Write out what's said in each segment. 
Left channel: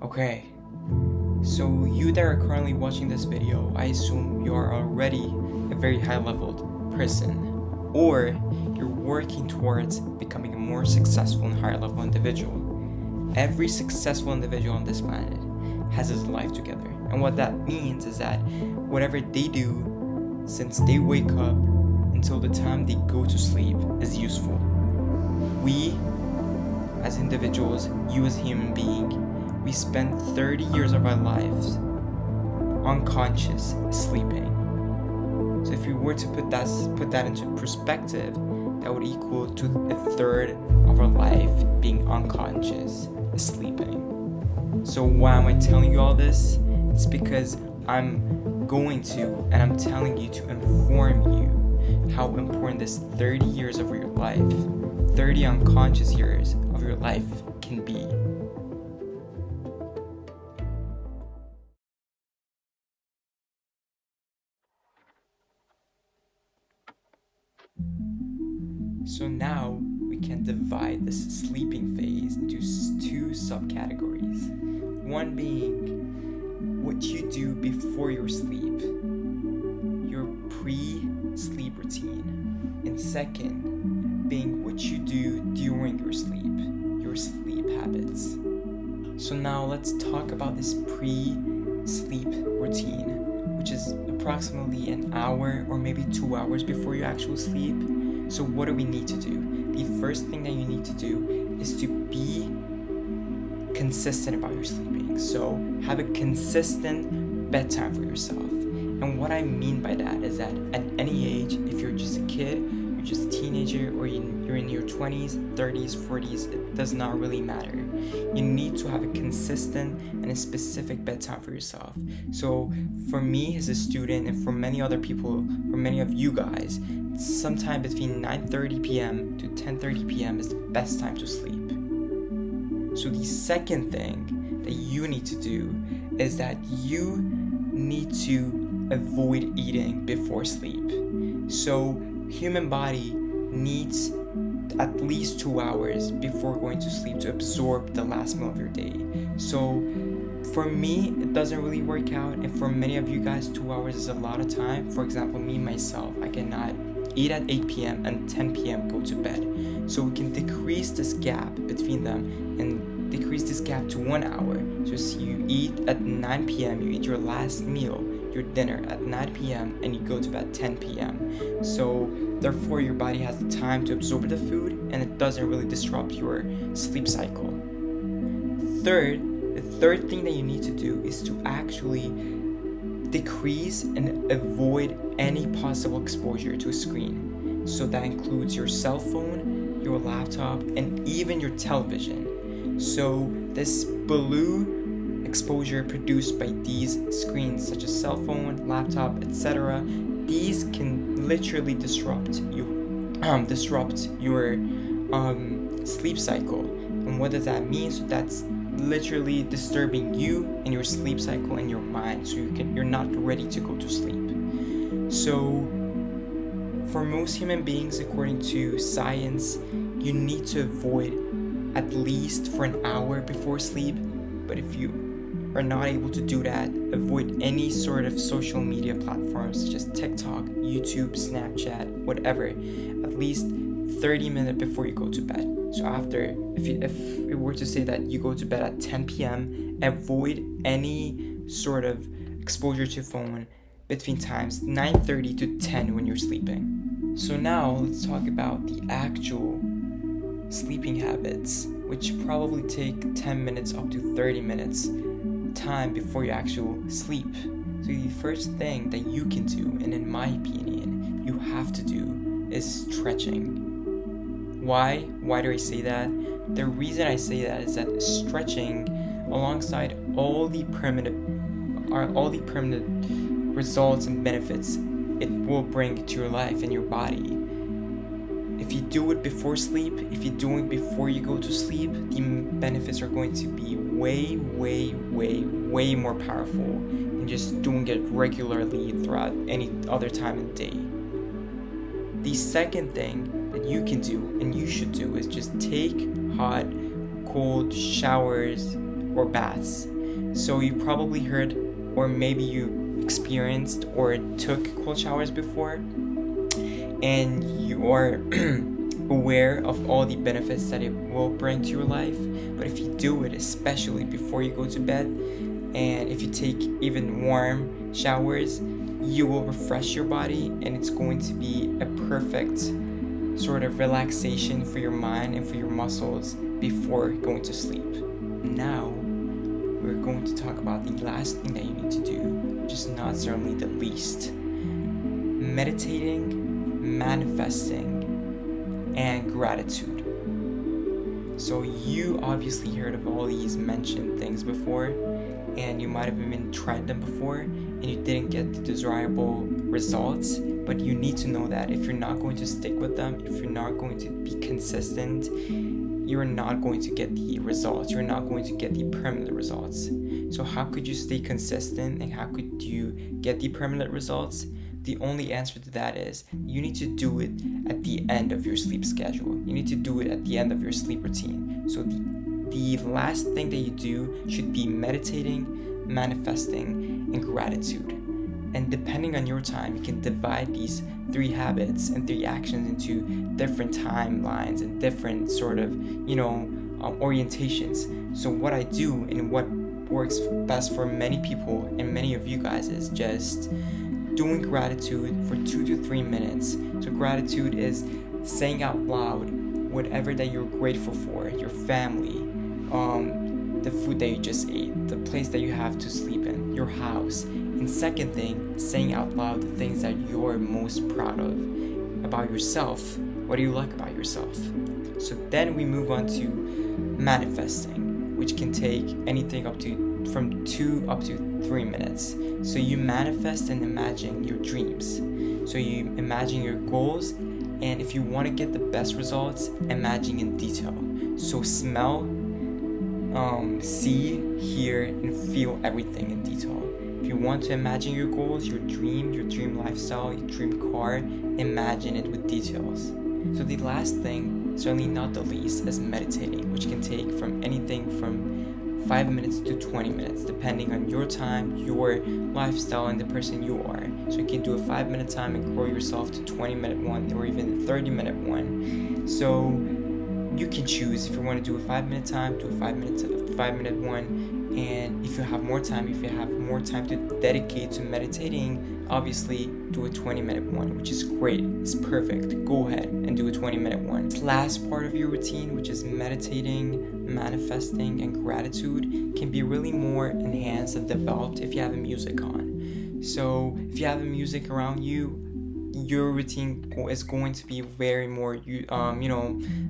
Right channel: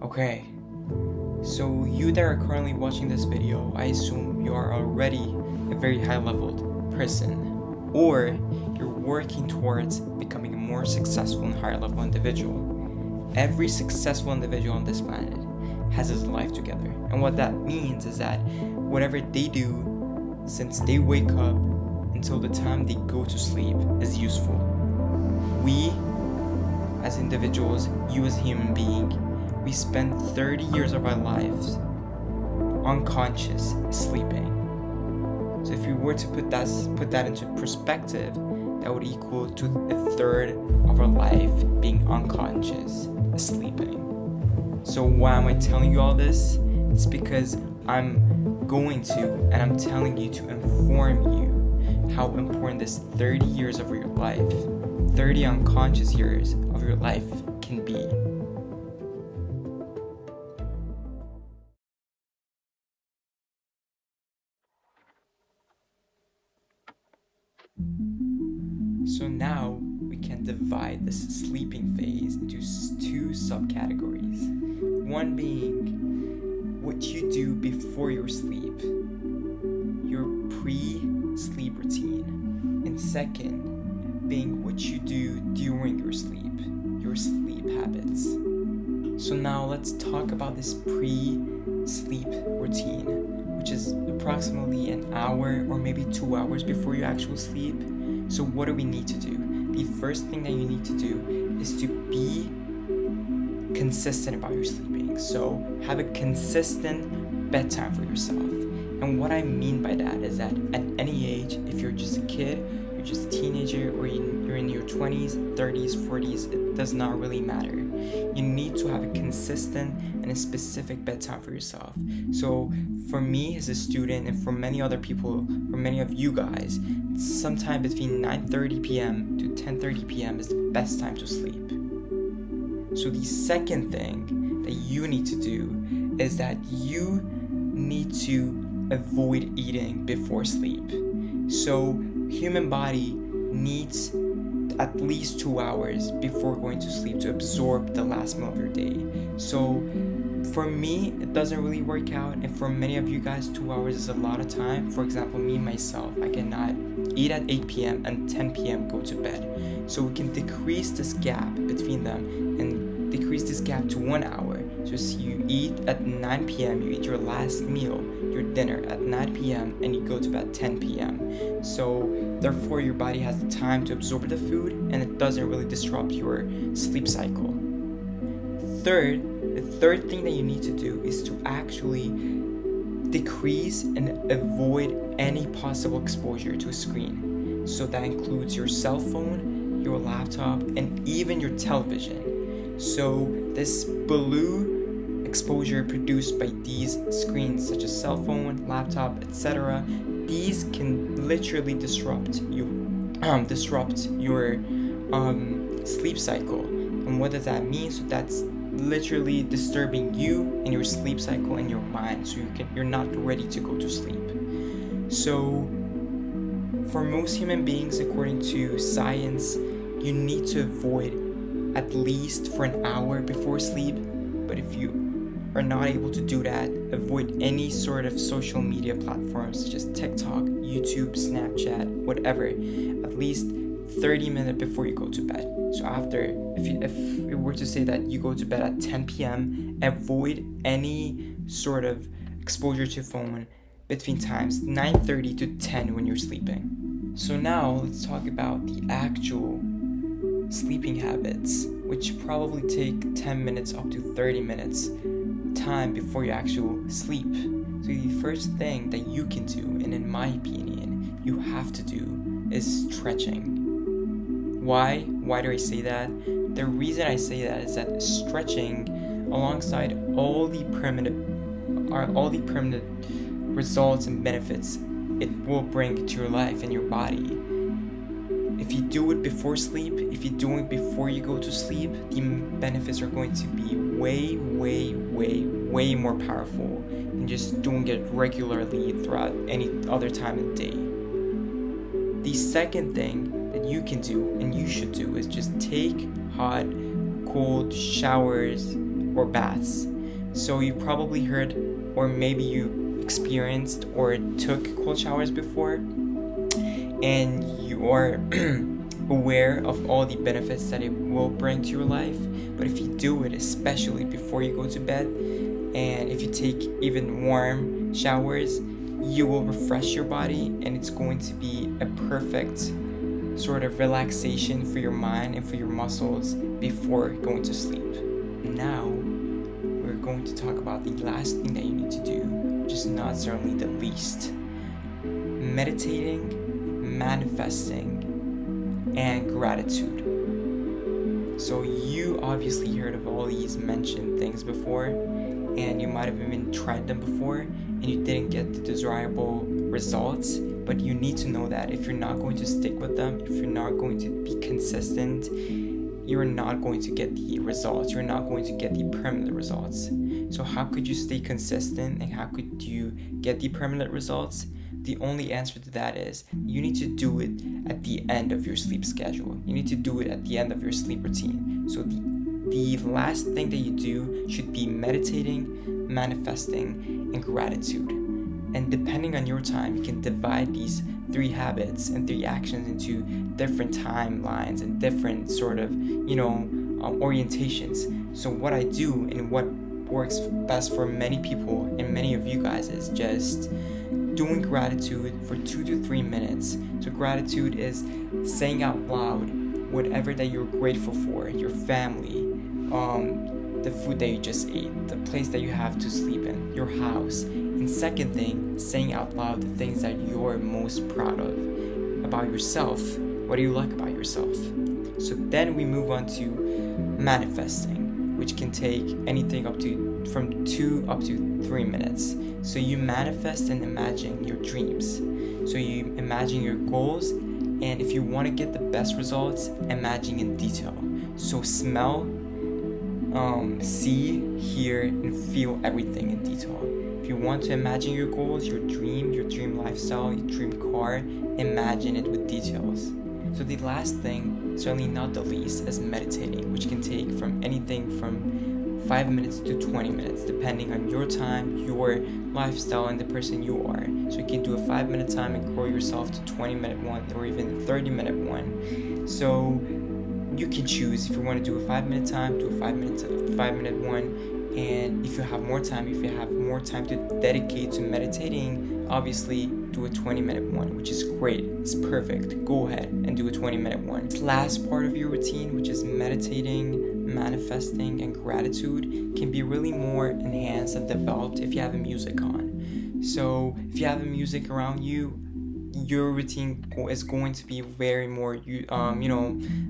Okay, so you that are currently watching this video, I assume you are already a very high-leveled person, or you're working towards becoming a more successful and higher-level individual. Every successful individual on this planet has his life together, and what that means is that whatever they do since they wake up until the time they go to sleep is useful. We, as individuals, you as a human being, we spend 30 years of our lives unconscious, sleeping. So if you were to put that into perspective, that would equal to a third of our life being unconscious, sleeping. So why am I telling you all this? It's because I'm going to, and I'm telling you to inform you how important this 30 years of your life, 30 unconscious years of your life can be. So now we can divide this sleeping phase into two subcategories. One being what you do before your sleep, your pre-sleep routine, and second being what you do during your sleep habits. So now let's talk about this pre-sleep routine, which is approximately an hour or maybe 2 hours before you actually sleep. So what do we need to do? The first thing that you need to do is to be consistent about your sleeping. So have a consistent bedtime for yourself. And what I mean by that is that at any age, if you're just a kid, you're just a teenager, or you're in your 20s, 30s, 40s, it does not really matter. You need to have a consistent and a specific bedtime for yourself. So for me as a student, and for many other people, for many of you guys, sometime between 9:30 p.m. to 10:30 p.m. is the best time to sleep. So the second thing that you need to do is that you need to avoid eating before sleep. So human body needs at least 2 hours before going to sleep to absorb the last meal of your day. So for me, it doesn't really work out, and for many of you guys, 2 hours is a lot of time. For example, me myself, I cannot eat at 8 p.m. and 10 p.m. go to bed. So we can decrease this gap between them and decrease this gap to 1 hour. So you eat at 9 p.m., you eat your last meal, your dinner at 9 p.m. and you go to bed at 10 p.m. So therefore your body has the time to absorb the food and it doesn't really disrupt your sleep cycle. The third thing that you need to do is to actually decrease and avoid any possible exposure to a screen. So that includes your cell phone, your laptop, and even your television. So this blue exposure produced by these screens, such as cell phone, laptop, etc., these can literally disrupt your sleep cycle. And what does that mean? So that's literally disturbing you and your sleep cycle and your mind, so you're not ready to go to sleep. So for most human beings, according to science, you need to avoid at least for an hour before sleep. But if you are not able to do that, avoid any sort of social media platforms such as TikTok, YouTube, Snapchat, whatever, at least 30 minutes before you go to bed. So after, if we were to say that you go to bed at 10 p.m., avoid any sort of exposure to phone between times 9:30 to 10 when you're sleeping. So now let's talk about the actual sleeping habits, which probably take 10 minutes up to 30 minutes time before you actually sleep. So the first thing that you can do, and in my opinion, you have to do, is stretching. Why do I say that? The reason I say that is that stretching, alongside all the permanent results and benefits it will bring to your life and your body. If you do it before sleep, if you do it before you go to sleep, the benefits are going to be way more powerful than just doing it regularly throughout any other time of the day. The second thing that you can do and you should do is just take hot, cold showers or baths. So you probably heard, or maybe you experienced or took cold showers before, and you are aware of all the benefits that it will bring to your life. But if you do it, especially before you go to bed, and if you take even warm showers, you will refresh your body, and it's going to be a perfect sort of relaxation for your mind and for your muscles before going to sleep. Now we're going to talk about the last thing that you need to do, which is not certainly the least: meditating, manifesting, and gratitude. So you obviously heard of all these mentioned things before, and you might have even tried them before and you didn't get the desirable results. But you need to know that if you're not going to stick with them, if you're not going to be consistent, you're not going to get the results. You're not going to get the permanent results. So how could you stay consistent, and how could you get the permanent results? The only answer to that is you need to do it at the end of your sleep schedule. You need to do it at the end of your sleep routine. So the last thing that you do should be meditating, manifesting, and gratitude. And depending on your time, you can divide these 3 habits and 3 actions into different timelines and different sort of, orientations. So what I do and what works best for many people and many of you guys is just doing gratitude for 2 to 3 minutes. So gratitude is saying out loud whatever that you're grateful for: your family, the food that you just ate, the place that you have to sleep in, your house. And second thing, saying out loud the things that you're most proud of about yourself. What do you like about yourself? So then we move on to manifesting, which can take anything from 2 up to 3 minutes. So you manifest and imagine your dreams. So you imagine your goals, and if you want to get the best results, imagine in detail. So smell, see, hear, and feel everything in detail. If you want to imagine your goals, your dream lifestyle, your dream car, imagine it with details. So the last thing, certainly not the least, is meditating, which can take from anything from 5 minutes to 20 minutes, depending on your time, your lifestyle, and the person you are. So you can do a 5-minute time and grow yourself to 20-minute one, or even 30-minute one. So you can choose if you want to do a 5-minute time, do a 5-minute one. And if you have more time to dedicate to meditating, obviously do a 20-minute one, which is great. It's perfect. Go ahead and do a 20-minute one. This last part of your routine, which is meditating, manifesting, and gratitude, can be really more enhanced and developed if you have a music on. So if you have a music around you, your routine is going to be very more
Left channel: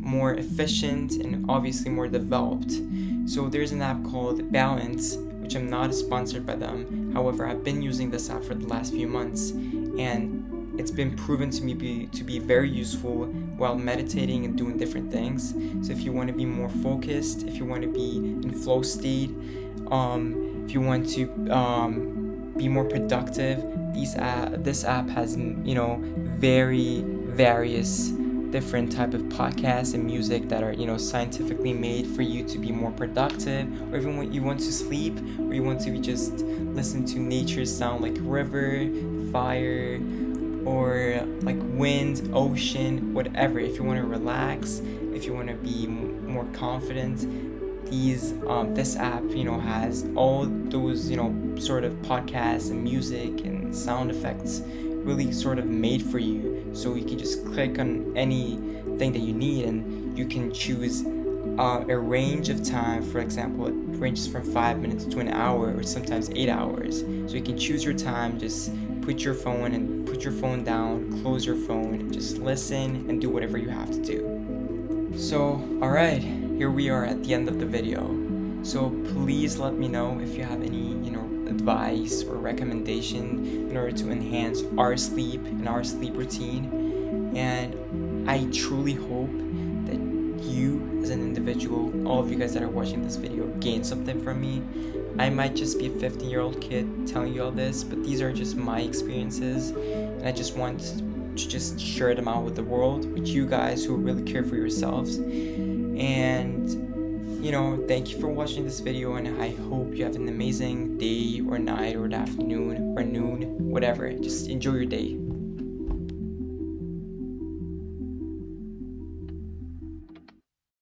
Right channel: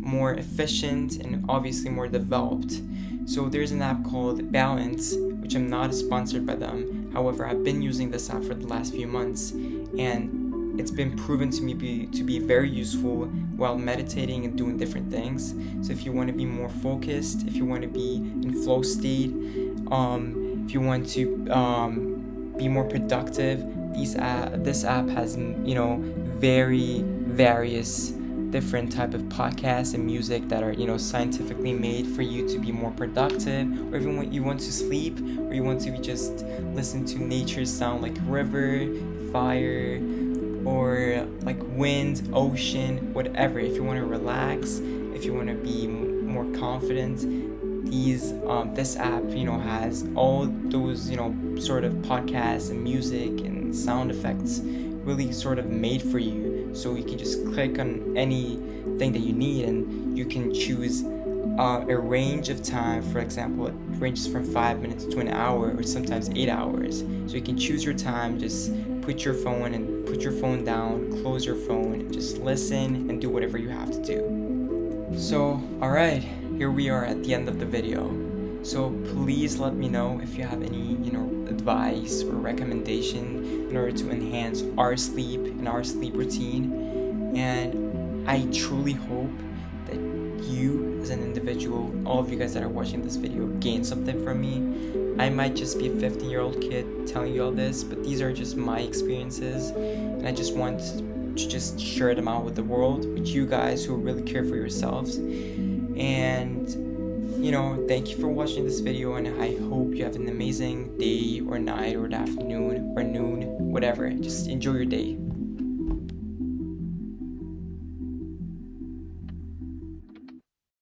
more efficient and obviously more developed. So there's an app called Balance, which I'm not sponsored by them. However, I've been using this app for the last few months, and it's been proven to me to be very useful while meditating and doing different things. So if you want to be more focused, if you want to be in flow state, if you want to be more productive, this app has very various different type of podcasts and music that are scientifically made for you to be more productive, or even when you want to sleep, or you want to just listen to nature's sound like river, fire, or like wind, ocean, whatever. If you want to relax, if you want to be more confident, this app has all those sort of podcasts and music and sound effects really sort of made for you. So you can just click on anything that you need, and you can choose a range of time. For example, it ranges from 5 minutes to an hour, or sometimes 8 hours. So you can choose your time, just put your phone down, close your phone, and just listen and do whatever you have to do. So alright, here we are at the end of the video. So please let me know if you have any advice or recommendation in order to enhance our sleep and our sleep routine. And I truly hope that you as an individual, all of you guys that are watching this video, gain something from me. I might just be a 15-year-old kid telling you all this, but these are just my experiences, and I just want to just share them out with the world, with you guys who really care for yourselves. And thank you for watching this video, and I hope you have an amazing day or night or afternoon or noon, whatever. Just enjoy your day.